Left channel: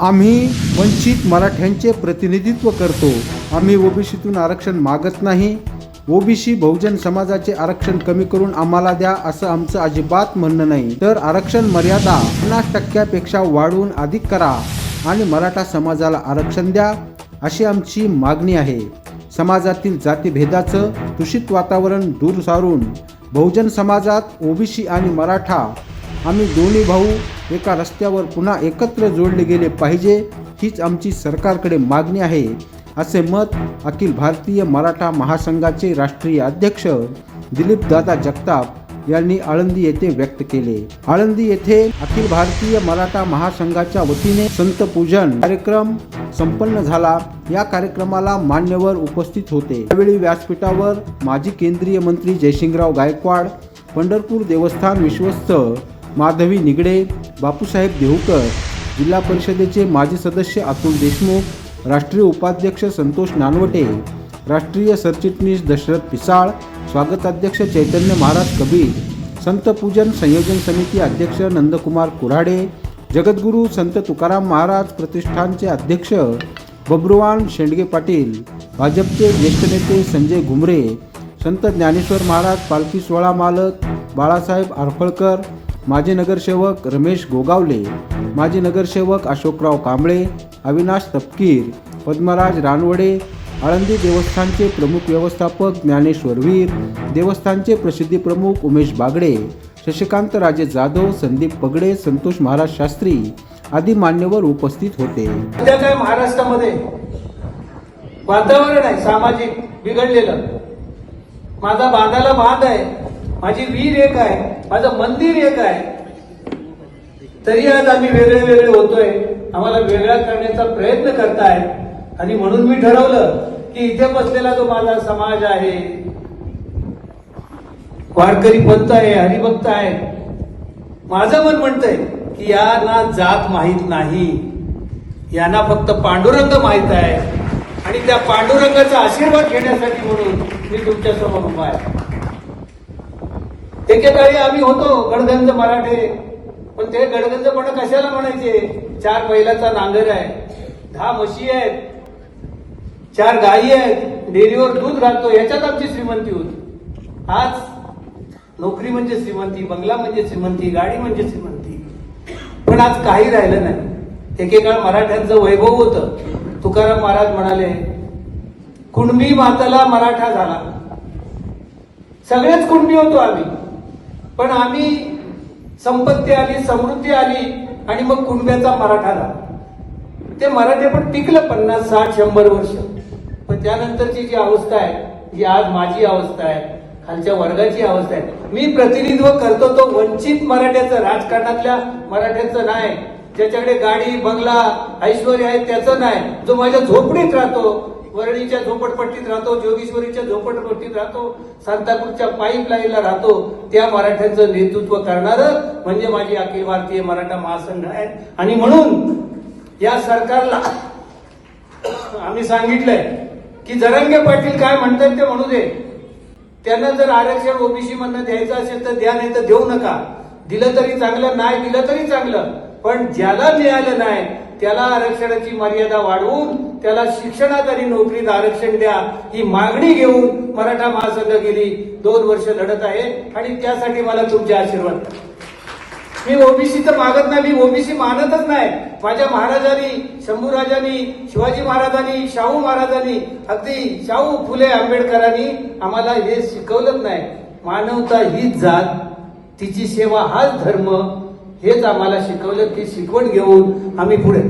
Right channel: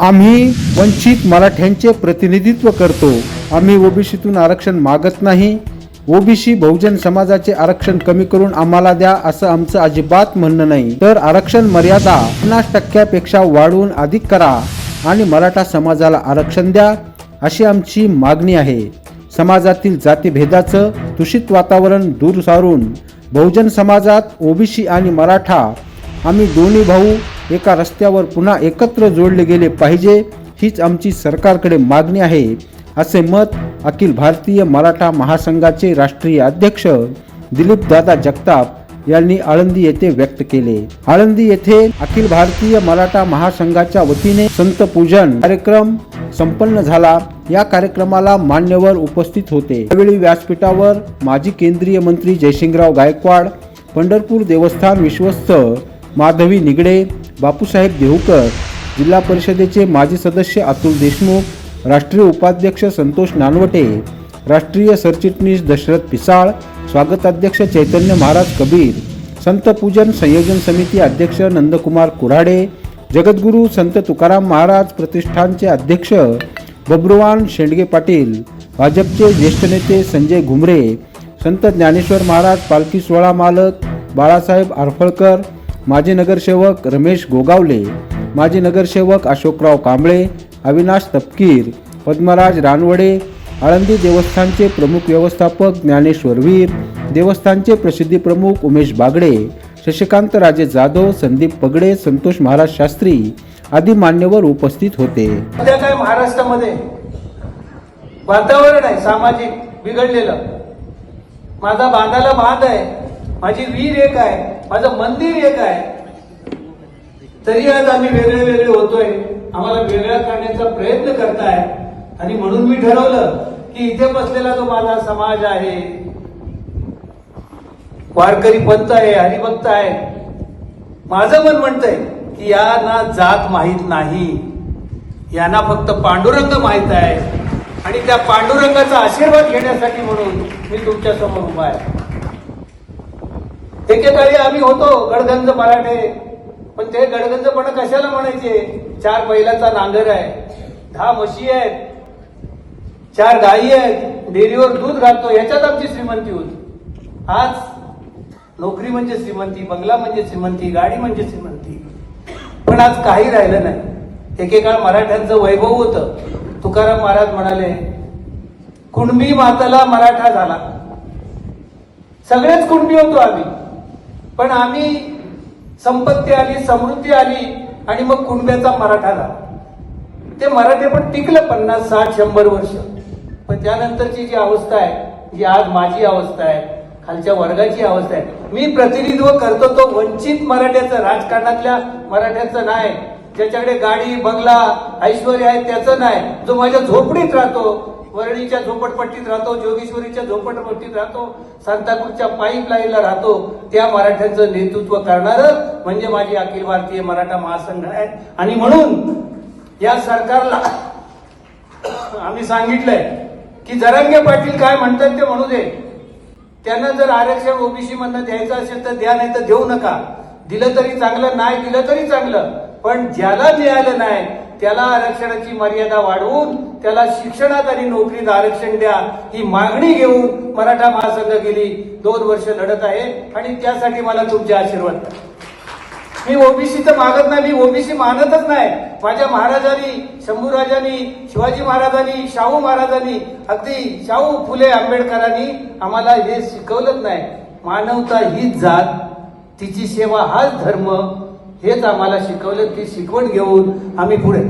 आम्ही वंचित मराठ्यांचे प्रतिनिधित्व करतो. आम्ही ओबीसीतून आरक्षण मागत नाही. ओबीसी बहुजन समाजाचे आरक्षण कमी करून आम्हाला द्या असं आमचं अजिबात म्हणणं नाही. तर आरक्षण मर्यादा पन्नास टक्क्यापेक्षा वाढवून अधिक करा आणि मराठा समाजाला आरक्षण द्या अशी आमची मागणी आहे. समाजातील जातीभेदाचं दूषित वातावरण दूर सारून बहुजन समाजात ओबीसी आणि मराठा आम्ही दोन्ही भाऊ एका रस्त्यावर पुन्हा एकत्र जोडले गेले पाहिजे हीच आमची सरकारकडे मागणी आहे असे मत अखिल भारतीय मराठा महासंघाचे राष्ट्रीय अध्यक्ष दिलीप दादा जगताप यांनी आळंदी येथे व्यक्त केले. आळंदी येथे अखिल भारतीय मराठा महासंघाच्या वतीने संत पूजन कार्यक्रम संपन्न झाला. या कार्यक्रमाला मान्यवर उपस्थित होते. यावेळी व्यासपीठावर माजी केंद्रीय मंत्री जयसिंगराव गायकवाड पंढरपूर देवस्थान विश्वस्त माधवी निगडे बापूसाहेब देहूकर जिल्हा परिषदेचे माजी सदस्य अतुल देशमुख राष्ट्रीय उपाध्यक्ष संतोष नानवटे राष्ट्रीय सरचिटणीस दशरथ पिसाळ स्वागताध्यक्ष चैतन्य महाराज कबीर संत पूजन संयोजन समिती अध्यक्ष नंदकुमार कुऱ्हाडे जगद्गुरू संत तुकाराम महाराज प्रतिष्ठानचे अध्यक्ष बब्रुवान शेंडगे पाटील भाजपचे ज्येष्ठ नेते संजय घुमरे संत ज्ञानेश्वर महाराज पालखी सोहळा मालक बाळासाहेब आरफळकर माजी नगरसेवक रमेश गोगावले माजी नगरसेवक अशोकराव कांबळे अविनाश तपकीर पद्मराज रानवडे आळंदी देवस्थानचे प्रमुख व्यवस्थापक ज्ञानेश्वर वीर देवस्थानचे प्रसिद्धी प्रमुख उमेश बागडे शशिकांत राजे जाधव संदीप पगडे संतोष महाराज शास्त्री आदी मान्यवर उपस्थित होते. सध्या काय महाराष्ट्रामध्ये वातावरण आहे सामाजिक बिघडलेलं. माझा बांधाला बांध आहे. माझी वीर एक आहे माझं मंदिर एक आहे. तरी आज आम्ही वेगळे वेगळे होतोय आम्हाला वेगळा करण्याचा प्रयत्न करताय. आणि म्हणून मी ठरवलं की इथे बसलेला जो माझा समाज आहे वारकरी पंत आहे हरिभक्त आहे माझं मन म्हणतंय की यांना जात माहीत नाही. यांना फक्त पांडुरंग माहीत आहे. आणि त्या पांडुरंगाचा आशीर्वाद घेण्यासाठी म्हणून मी तुमच्यासमोर उभा आहे. एकेकाळी आम्ही होतो गडगंज मराठे. पण ते गडगंजपणा कशाला म्हणायचे? चार बैलाचा नांगर आहे दहा म्हशी आहेत चार गायी आहेत डेअरीवर दूध घालतो याच्यात आमची श्रीमंती होती. आज नोकरी म्हणजे श्रीमंती बंगला म्हणजे श्रीमंती गाडी म्हणजे श्रीमंती. पण आज काही राहिलं नाही. एकेकाळ मराठ्यांचं वैभव होतं. तुकाराम महाराज म्हणाले कुणबी माताला मराठा झाला. सगळेच कुणबी होतो आम्ही. पण आम्ही संपत्ती आली समृद्धी आली आणि मग कुणब्याचा मराठा झाला. ते मराठे पण टिकलं पन्नास साठ शंभर वर्ष. पण त्यानंतरची जी अवस्था आहे जी आज माझी अवस्था आहे खालच्या वर्गाची अवस्था आहे. मी प्रतिनिधित्व करतो तो वंचित मराठ्याचं राजकारणातल्या मराठ्याचं नाही. ज्याच्याकडे गाडी बंगला ऐश्वर आहे त्याचं नाही. जो माझ्या झोपडीत राहतो वरळीच्या झोपडपट्टीत राहतो जोगेश्वरीच्या झोपडपट्टीत राहतो सांताक्रूजच्या पाईपलाईनला राहतो. त्या मराठ्यांचं नेतृत्व करणारं म्हणजे माझी अखिल भारतीय मराठा महासंघ आहे. आणि म्हणून या सरकारला आम्ही सांगितलंय की जरांगे पाटील काय म्हणतात ते म्हणू दे. त्यांना जर आरक्षण ओबीसी मधनं द्यायचं असेल तर द्या नाही तर देऊ नका. दिलं तरी चांगलं नाही दिलं तरी चांगलं. पण ज्याला मिळालं नाही त्याला आरक्षणाची मर्यादा वाढवून त्याला शिक्षणात आणि नोकरीत आरक्षण द्या ही मागणी घेऊन मराठा महासंघ गेली. दोन वर्ष लढत आहे आणि त्यासाठी मला तुमचे आशीर्वाद मी ओबीसीचं मागत नाही मी ओबीसी मानतच नाही. माझ्या महाराजांनी शंभूराजांनी शिवाजी महाराजांनी शाहू महाराजांनी अगदी शाहू फुले आंबेडकरांनी आम्हाला हे शिकवलंच नाही. मानवता हीच जात तिची सेवा हाच धर्म हेच आम्हाला शिकवलं ती शिकवण घेऊन आम्ही पुढे